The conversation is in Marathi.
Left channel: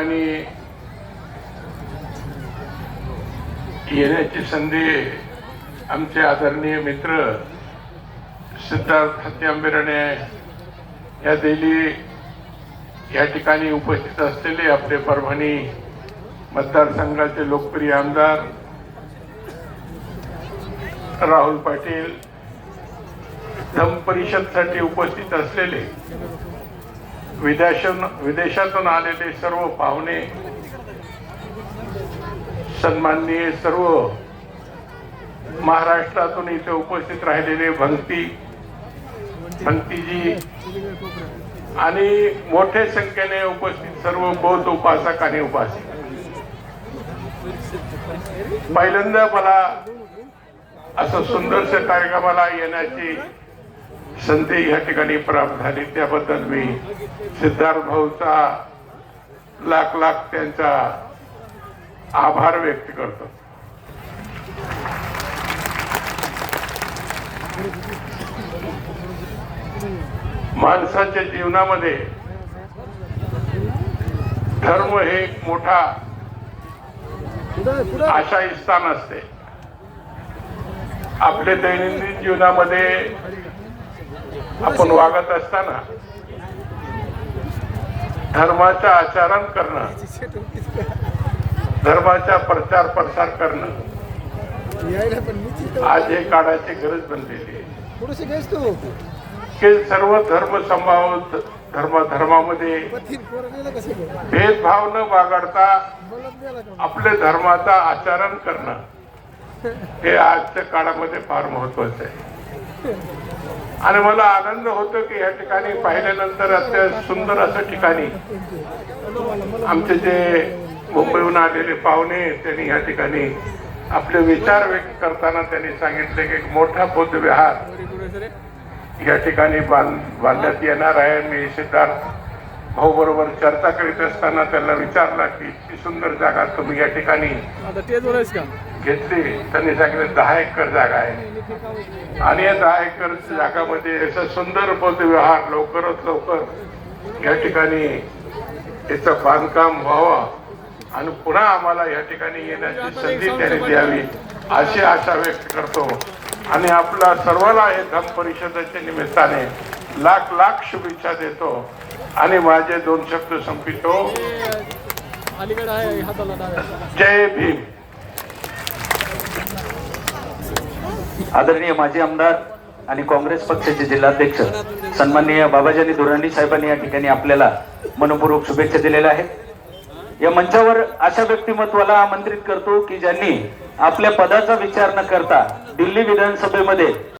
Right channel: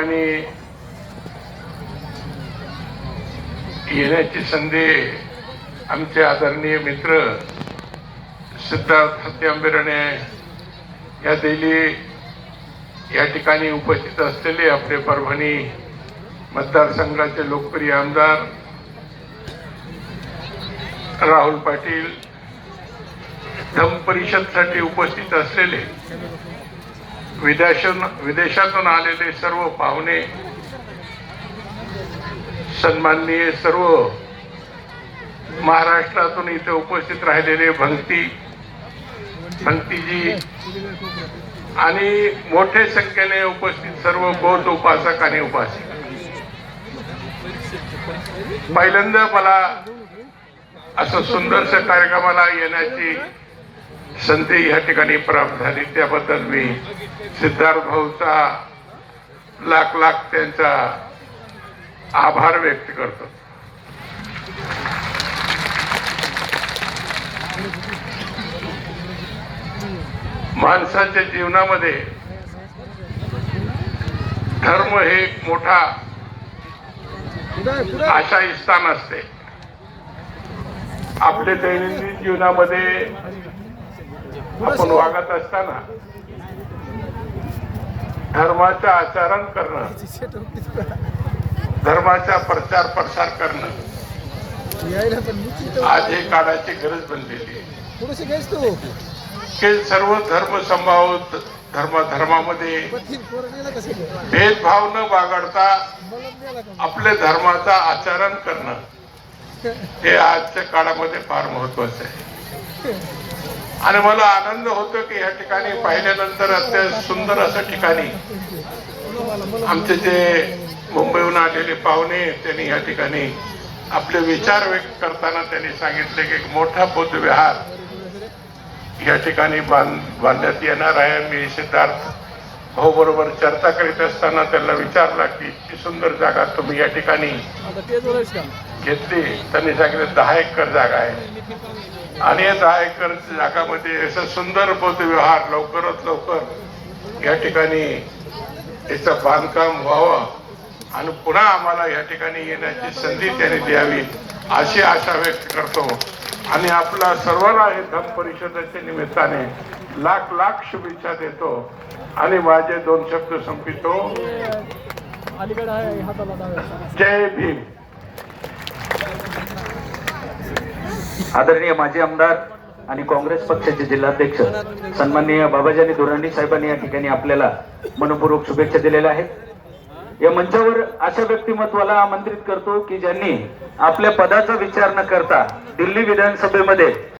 आणि येण्याची संधी आमचे आदरणीय मित्र सिद्धार्थ हत्यांबेरणे या दिल्ली या ठिकाणी उपस्थित असलेले आपले परभणी मतदारसंघाचे लोकप्रिय आमदार राहुल पाटील, धम्म परिषदसाठी उपस्थित असलेले विदेशातून आलेले सर्व पाहुणे, सन्माननीय सर्व महाराष्ट्रातून इथे उपस्थित राहिलेले भंतीजी आणि मोठ्या संख्येने उपस्थित सर्व बौद्ध उपासक आणि उपासिका, पहिल्यांदा मला असं सुंदरसं कार्यक्रमाला येण्याची संधी या ठिकाणी प्राप्त झाली, त्याबद्दल मी सिद्धार्थ भाऊचा लाख लाख त्यांचा आभार व्यक्त करतो. माणसाच्या जीवनामध्ये धर्म हे एक मोठा आशाही स्थान असते. आपल्या दैनंदिन जीवनामध्ये आपण वागत असताना धर्माचं आचरण करणं, धर्माचा प्रचार प्रसार करणं आज हे काळाची गरज बनलेली आहे. की सर्व धर्म संभाव धर्मामध्ये भेदभाव न बाळगता आपल्या धर्माचा आचरण करणं हे आजच्या काळामध्ये फार महत्वाचं आहे. आणि मला आनंद होतो की या ठिकाणी पाहिल्यानंतर अत्यंत सुंदर असं ठिकाणी आमचे जे मुंबईहून आलेले पाहुणे त्यांनी या ठिकाणी आपले विचार व्यक्त करताना त्यांनी सांगितले की मोठा बौद्ध विहार या ठिकाणी बांधण्यात येणार आहे. मी सिद्धार्थ भाऊ बरोबर चर्चा करीत असताना त्यांना विचारला की इतकी सुंदर जागा तुम्ही या ठिकाणी घेतली. त्यांनी सांगितलं 10 एकर जागा आहे आणि या 10 एकर जागामध्ये असं सुंदर बौद्ध विहार लवकरात लवकर या ठिकाणी त्याचं बांधकाम व्हावं आणि पुन्हा आम्हाला या ठिकाणी येण्याची संधी त्यांनी द्यावी अशी आशा व्यक्त करतो. आणि आपला सर्वांना हे धम्म परिषदेच्या निमित्ताने लाख लाख शुभेच्छा देतो आणि माझे 2 शब्द संपितो. जय भीम. आदरणीय माजी आमदार आणि काँग्रेस पक्षाचे जिल्हाध्यक्ष सन्माननीय बाबाजानी दुर्राणी साहेबांनी या ठिकाणी आपल्याला मनपूर्वक शुभेच्छा दिलेल्या आहेत. या मंचावर अशा व्यक्तिमत्वाला आमंत्रित करतो की ज्यांनी आपल्या पदाचा विचार न करता दिल्ली विधानसभेमध्ये